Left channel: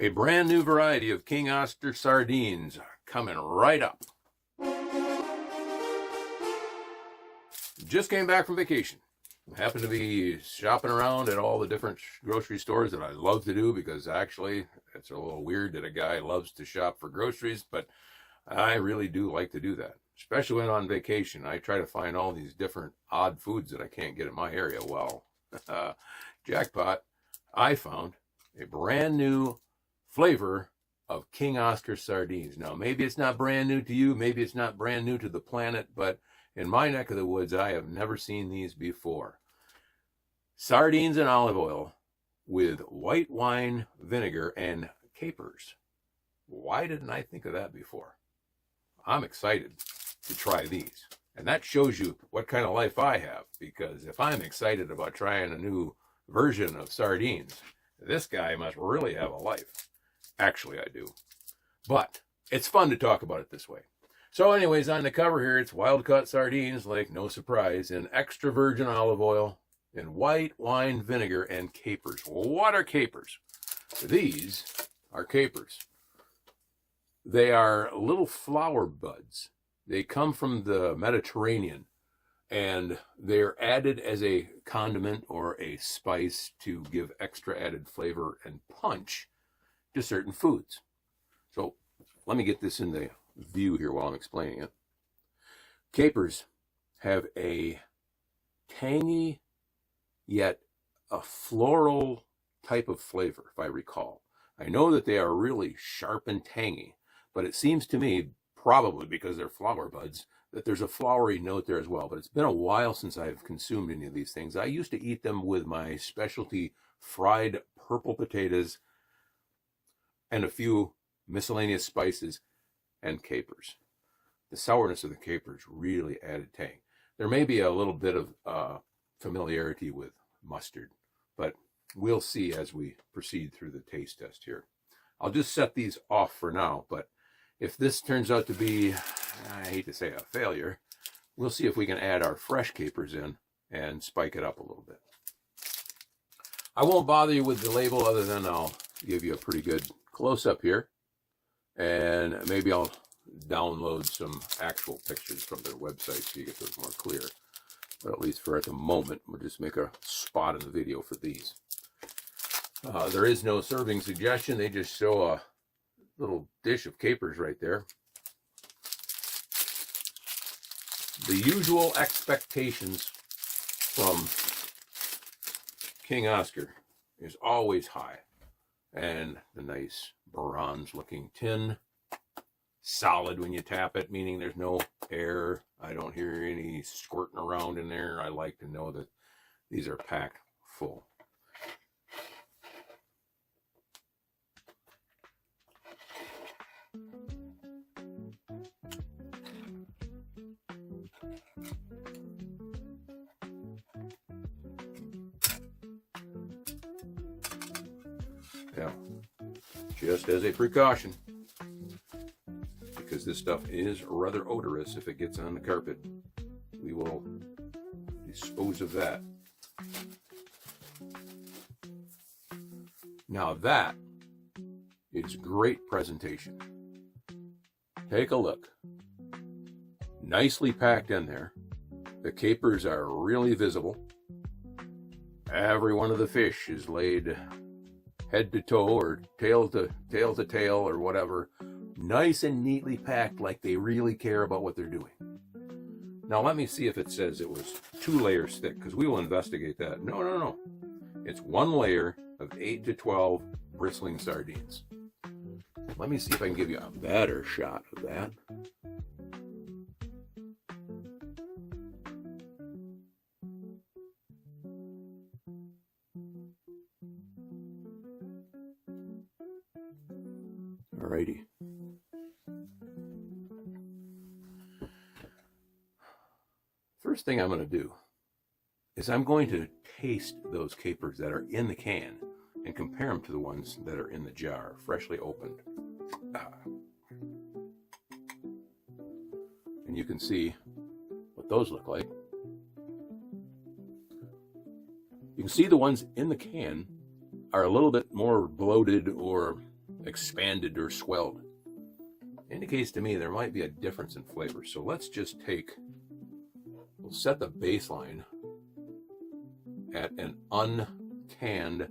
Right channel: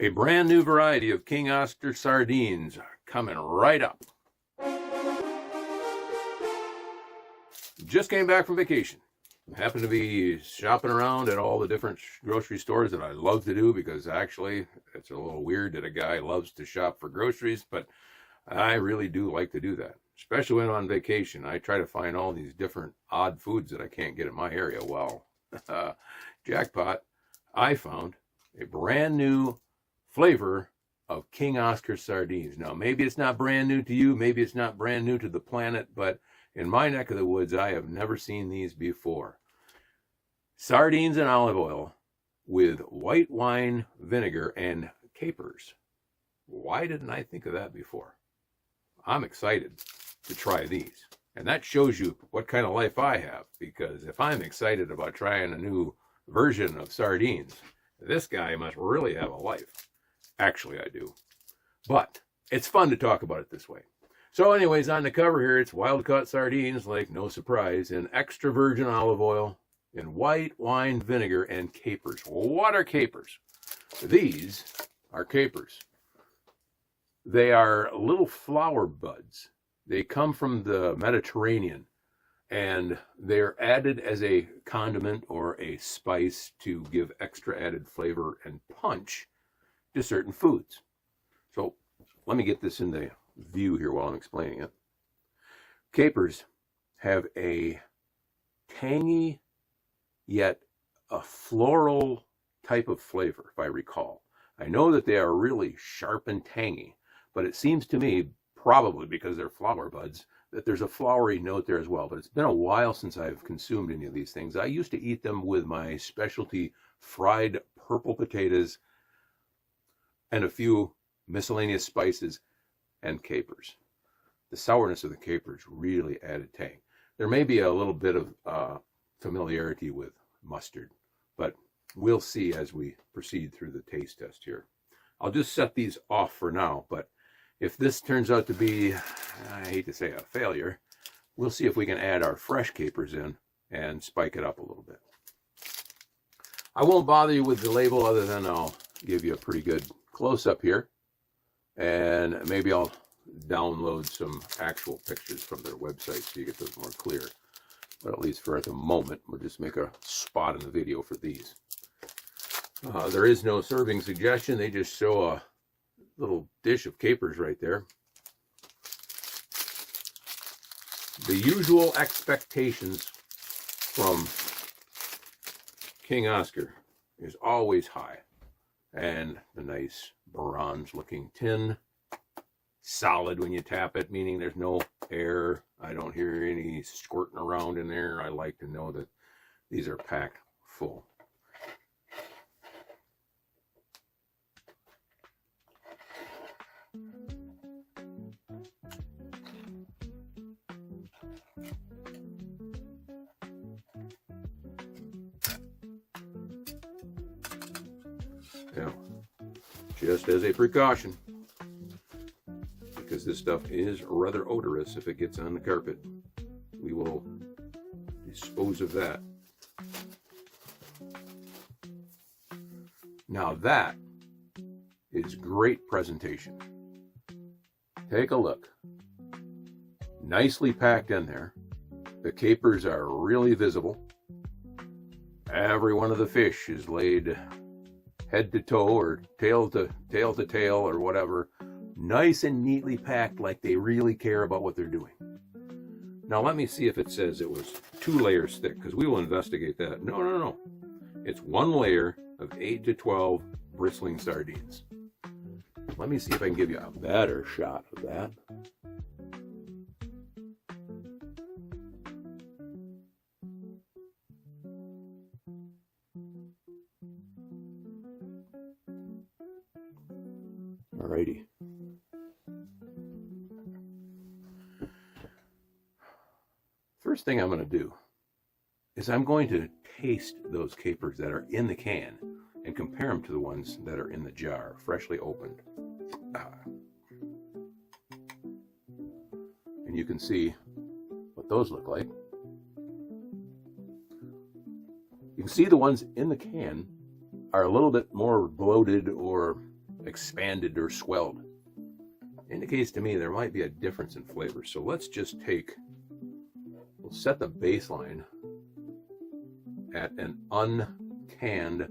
A brand new variety of King Oscar sardines coming right up. Just came back from vacation. Happened to be shopping around at all the different grocery stores that I love to do, because actually it's a little weird that a guy loves to shop for groceries, but I really do like to do that, especially when on vacation. I try to find all these different odd foods that I can't get in my area. Well, jackpot, I found a brand new flavor of King Oscar sardines. Now, maybe it's not brand new to you, maybe it's not brand new to the planet, but in my neck of the woods, I have never seen these before. Sardines and olive oil with white wine, vinegar, and capers. Why didn't I think of that before? I'm excited to try these. And that shows you what kind of life I have, because if I'm excited about trying a new version of sardines, this guy must really have a life. Actually, I do. But it's fun to talk about it this way. So anyways, on the cover here, it's wild-caught sardines, like no surprise, in extra virgin olive oil, in white wine vinegar, and capers. What are capers? These are capers. They are little flower buds. They come from the Mediterranean, and they're added as a condiment or a spice to give extra added flavor and punch to certain foods. So let me get this in the view here while I'm explaining it. Capers have a tangy yet a floral type of flavor, if I recall. I know that they are really sharp and tangy, but it seems to me, probably because they're flower buds, that there's a flowery note there as well. But it's been a while since I've consumed any of these things. I used to eat them with my specialty fried purple potatoes and a few miscellaneous spices and capers. The sourness of the capers really added tang. There may be a little bit of familiarity with mustard, but we'll see as we proceed through the taste test here. I'll just set these off for now, but if this turns out to be, I hate to say, a failure, we'll see if we can add our fresh capers in and spike it up a little bit. I won't bother you with the label, other than I'll give you a pretty good close-up here. And maybe I'll download some actual pictures from their website so you get those more clear. But at least for at the moment, we'll just make a spot in the video for these. There is no serving suggestion. They just show a little dish of capers right there. The usual expectations from King Oscar is always high. And a nice bronze looking tin, solid when you tap it, meaning there's no air. I don't hear any squirting around in there. I like to know that these are packed full. Yeah. Just as a precaution, because this stuff is rather odorous if it gets on the carpet. We will dispose of that. Now that is great presentation. Take a look. Nicely packed in there. The capers are really visible. Every one of the fish is laid head to toe or tail to tail or whatever, nice and neatly packed, like they really care about what they're doing. Now let me see if it says it was 2 layers thick, because we will investigate that. No. It's 1 layer of 8 to 12 bristling sardines. Let me see if I can give you a better shot of that. Alrighty. First thing I'm going to do is I'm going to taste those capers that are in the can and compare them to the ones that are in the jar, freshly opened. And you can see what those look like. You can see the ones in the can are a little bit more bloated or expanded or swelled. Indicates to me there might be a difference in flavor. So let's just we'll set the baseline at an uncanned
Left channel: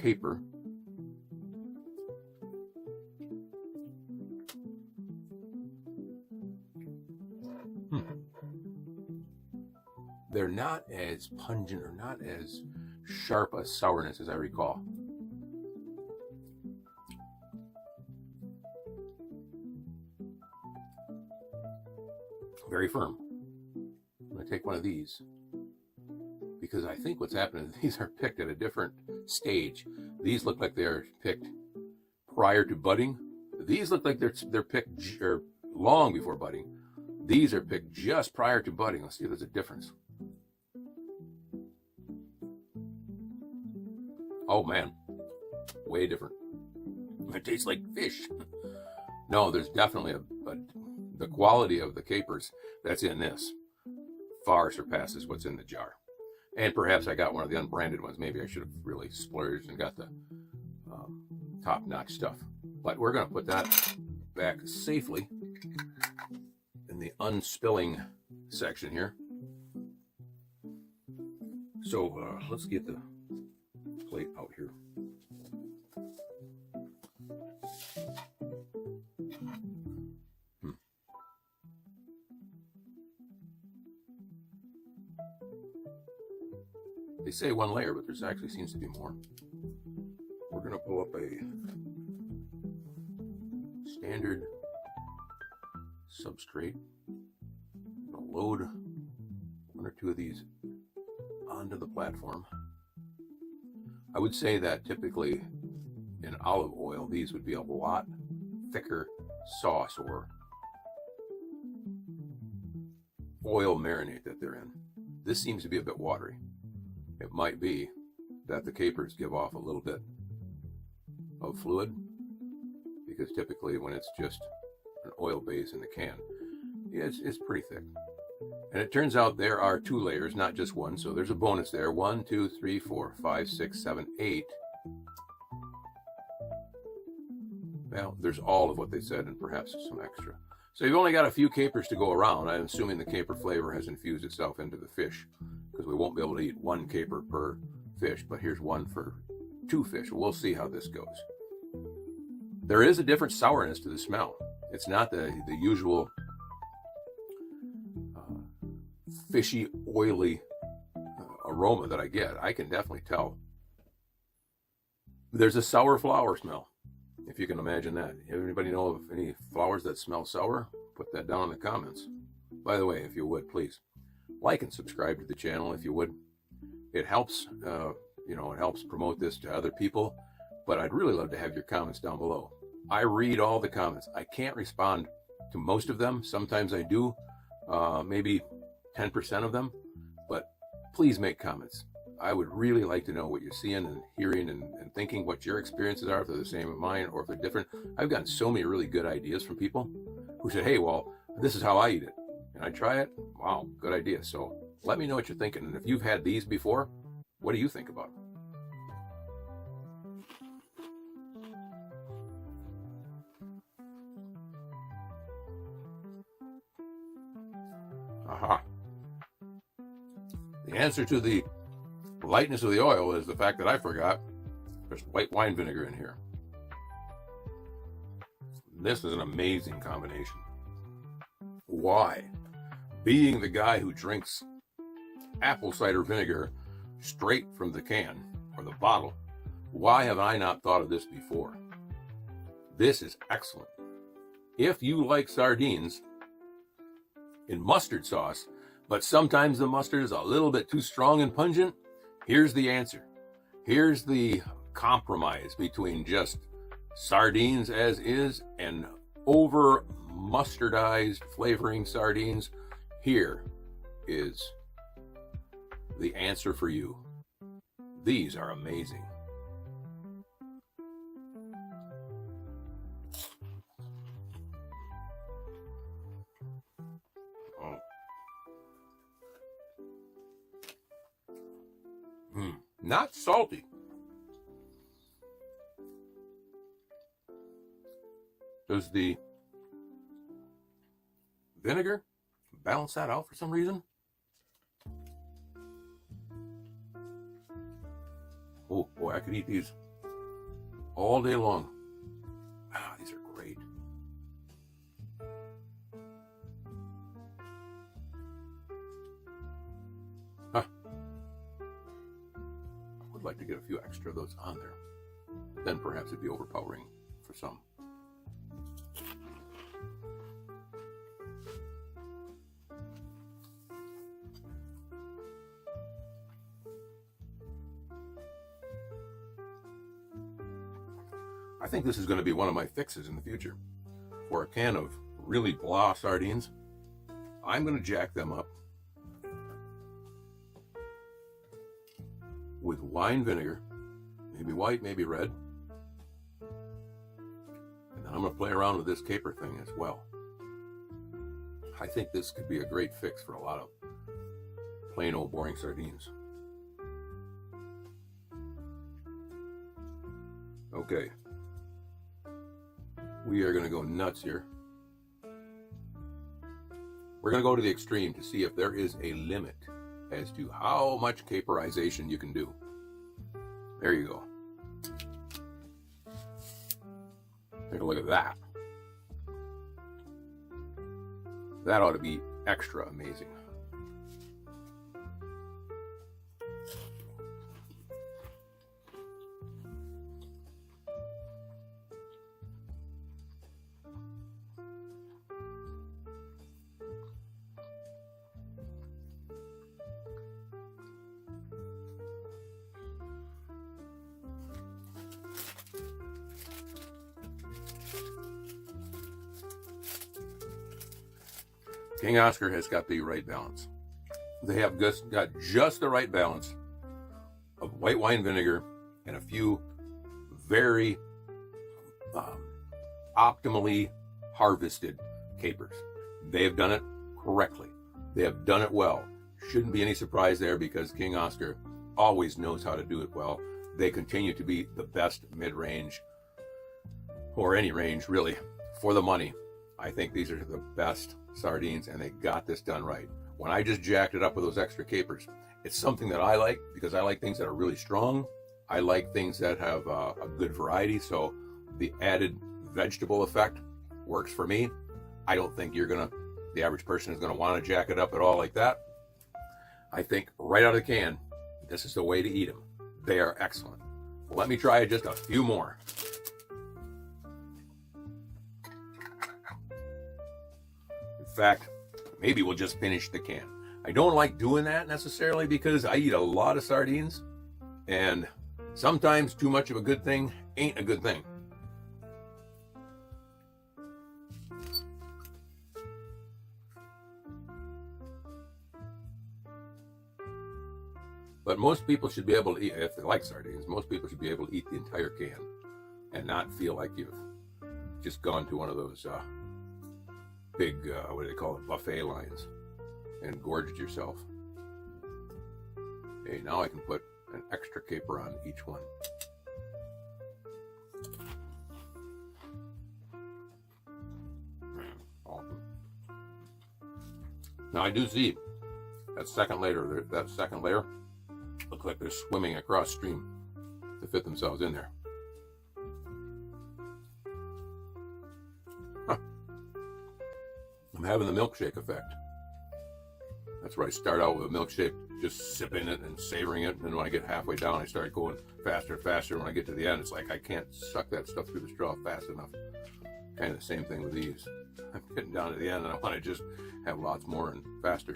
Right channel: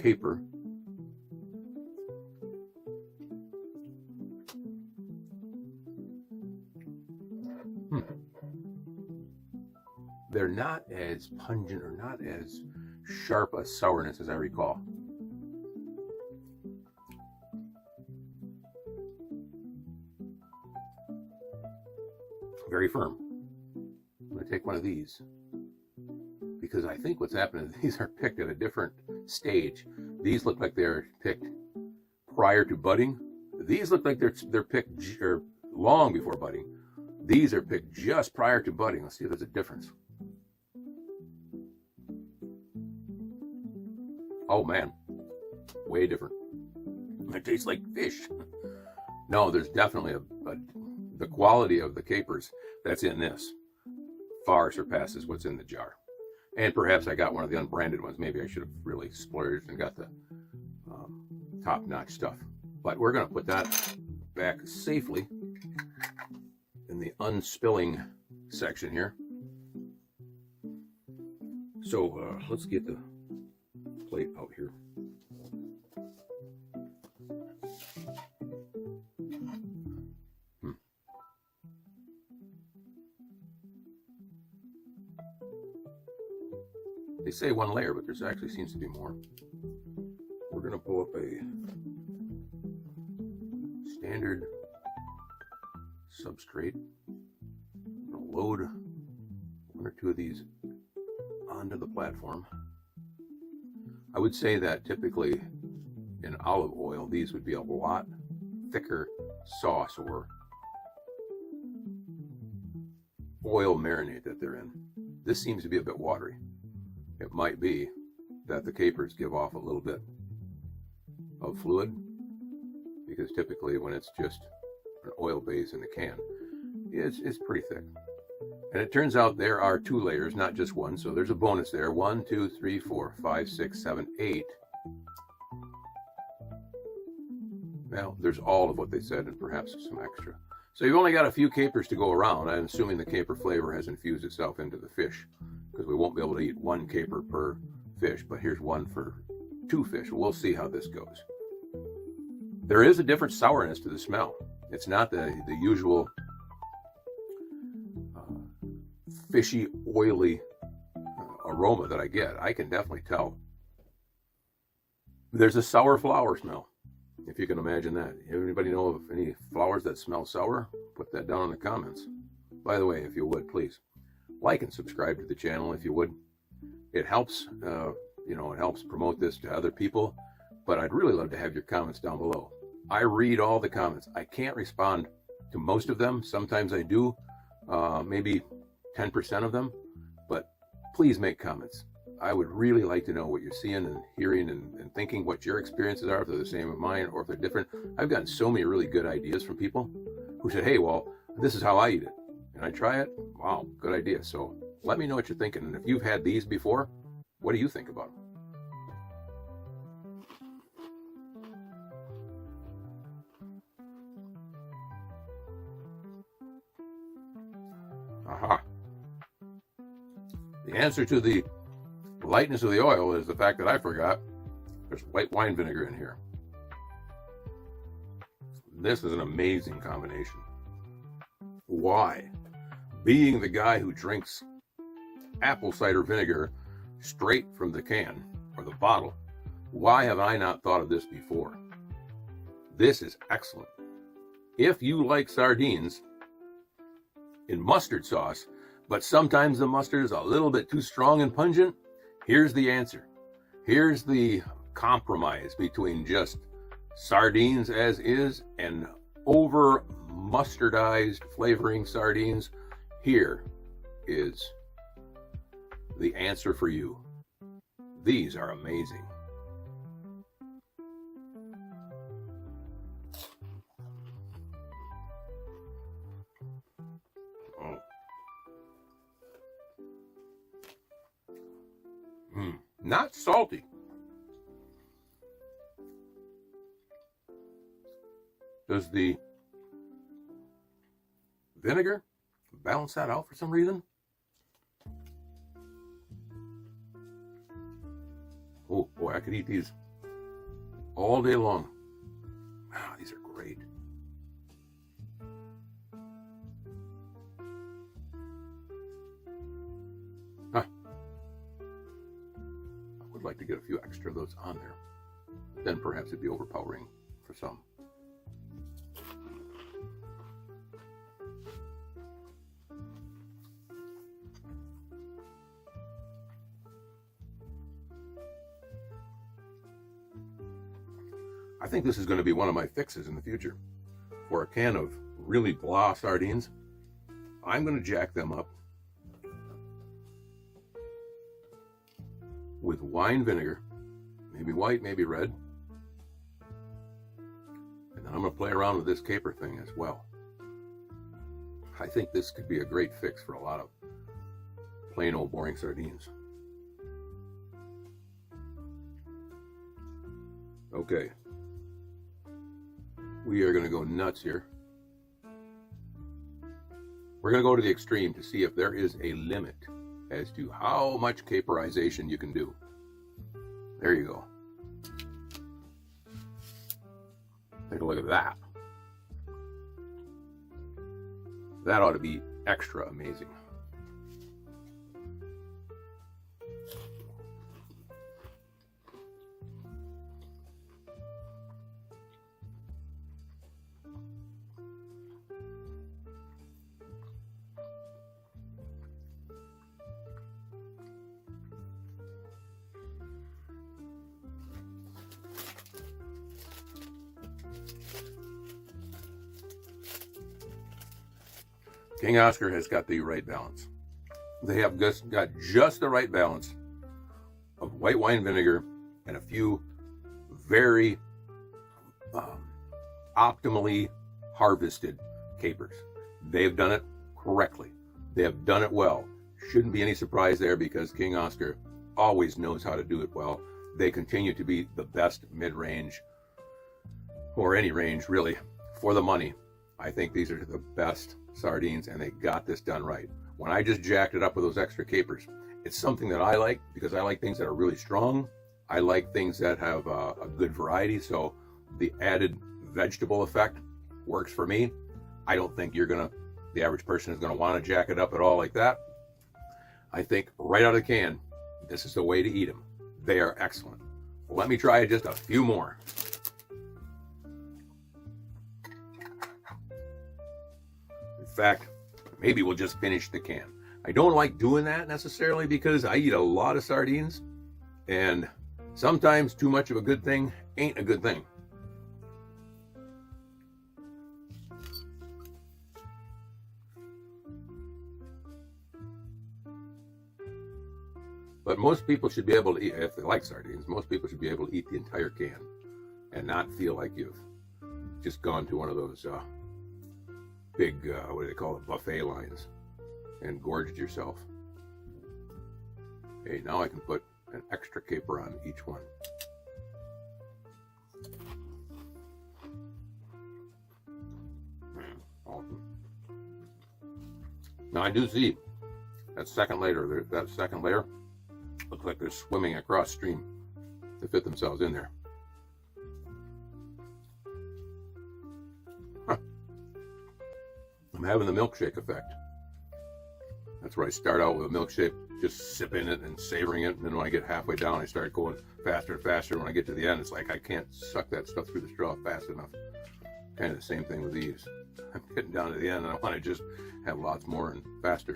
caper. They're not as pungent or not as sharp a sourness as I recall. Very firm. I'm going to take one of these because I think what's happening is these are picked at a different stage. These look like they're picked prior to budding. These look like they're picked long before budding. These are picked just prior to budding. Let's see if there's a difference. Oh man, way different. It tastes like fish. No, there's definitely the quality of the capers that's in this far surpasses what's in the jar. And perhaps I got one of the unbranded ones. Maybe I should have really splurged and got the top-notch stuff. But we're going to put that back safely in the unspilling section here. So let's get the plate out here. They say one layer, but there's actually seems to be more. We're going to pull up a standard substrate. We'll load one or two of these onto the platform. I would say that typically in olive oil, these would be a lot thicker sauce or oil marinade that they're in. This seems to be a bit watery. It might be that the capers give off a little bit of fluid, because typically when it's just an oil base in the can, it's pretty thick. And it turns out there are 2 layers, not just one, so there's a bonus there. 1, 2, 3, 4, 5, 6, 7, 8. Well, there's all of what they said and perhaps some extra. So you've only got a few capers to go around. I'm assuming the caper flavor has infused itself into the fish, because we won't be able to eat 1 caper per fish, but here's 1 for 2 fish. We'll see how this goes. There is a different sourness to the smell. It's not the usual fishy, oily aroma that I get. I can definitely tell. There's a sour flower smell, if you can imagine that. Anybody know of any flowers that smell sour? Put that down in the comments. By the way, if you would, please like and subscribe to the channel if you would. It helps, it helps promote this to other people, but I'd really love to have your comments down below. I read all the comments. I can't respond to most of them. Sometimes I do, maybe 10% of them, but please make comments. I would really like to know what you're seeing and hearing and thinking, what your experiences are, if they're the same as mine or if they're different. I've gotten so many really good ideas from people who said, hey, well, this is how I eat it. And I try it. Wow, good idea. So let me know what you're thinking. And if you've had these before, what do you think about them? The answer to the lightness of the oil is the fact that I forgot there's white wine vinegar in here. This is an amazing combination. Why? Being the guy who drinks apple cider vinegar straight from the can or the bottle, why have I not thought of this before? This is excellent. If you like sardines in mustard sauce, but sometimes the mustard is a little bit too strong and pungent, here's the answer. Here's the compromise between just sardines as is and over mustardized flavoring sardines. Here is the answer for you. These are amazing. Not salty. Does the vinegar balance that out for some reason? Oh boy, I could eat these all day long. Wow, these are great. Huh. I would like to get a few extra of those on there. Then perhaps it'd be overpowering for some. I think this is going to be one of my fixes in the future. For a can of really blah sardines, I'm going to jack them up with wine vinegar, maybe white, maybe red. And then I'm going to play around with this caper thing as well. I think this could be a great fix for a lot of plain old boring sardines. Okay. We are going to go nuts here. We're going to go to the extreme to see if there is a limit as to how much caperization you can do. There you go. Take a look at that. That ought to be extra amazing. King Oscar has got the right balance. They have got just the right balance of white wine vinegar and a few very optimally harvested capers. They've done it correctly. They have done it well. Shouldn't be any surprise there because King Oscar always knows how to do it well. They continue to be the best mid-range, or any range really, for the money. I think these are the best sardines, and they got this done right. When I just jacked it up with those extra capers, it's something that I like because I like things that are really strong. I like things that have a good variety, so the added vegetable effect works for me. I don't think the average person is gonna want to jack it up at all like that. I think right out of the can, this is the way to eat them. They are excellent. Let me try just a few more. In fact, maybe we'll just finish the can. I don't like doing that necessarily because I eat a lot of sardines, and sometimes too much of a good thing ain't a good thing. But most people should be able to eat, if they like sardines, most people should be able to eat the entire can and not feel like you've just gone to one of those big, what do they call it, buffet lines and gorged yourself. Okay, now I can put an extra caper on each one. Awesome. Now I do see that second layer looks like they're swimming across stream to fit themselves in there. I'm having the milkshake effect. That's where I start out with a milkshake, just sipping it and savoring it, and then when I get halfway down, I start going faster and faster. When I get to the end, it's like I can't suck that stuff through the straw fast enough. Kind of the same thing with these. I'm getting down to the end, and I want to just have lots more and faster.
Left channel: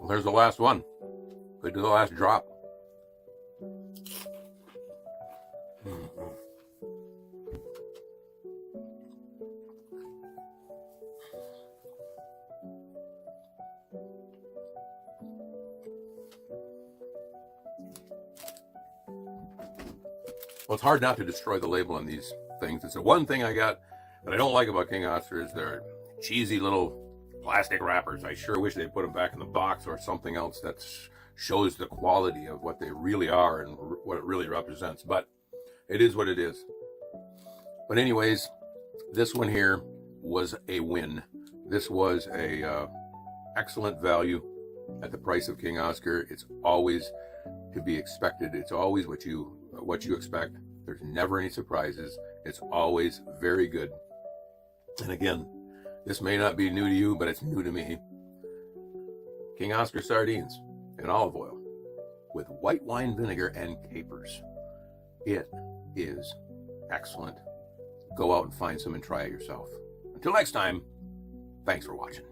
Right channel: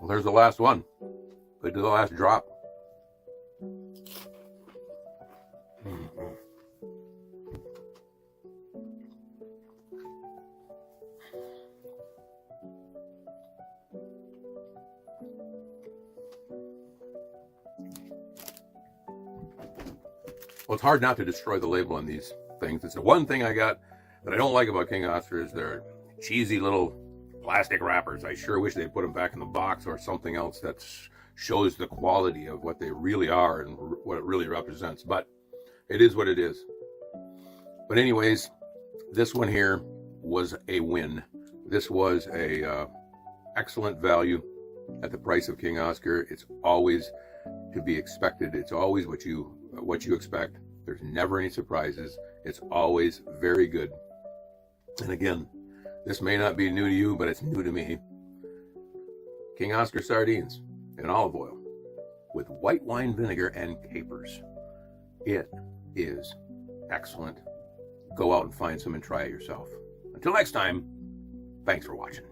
Well, there's the last one. Good to the last drop. Well, it's hard not to destroy the label on these things. It's the one thing I got that I don't like about King Oscars. They're cheesy little plastic wrappers. I sure wish they'd put them back in the box or something else that shows the quality of what they really are and what it really represents. But it is what it is. But anyways, this one here was a win. This was a excellent value at the price of King Oscar. It's always to be expected. It's always what you expect. There's never any surprises. It's always very good. And again, this may not be new to you, but it's new to me. King Oscar sardines in olive oil with white wine vinegar and capers. It is excellent. Go out and find some and try it yourself. Until next time, thanks for watching.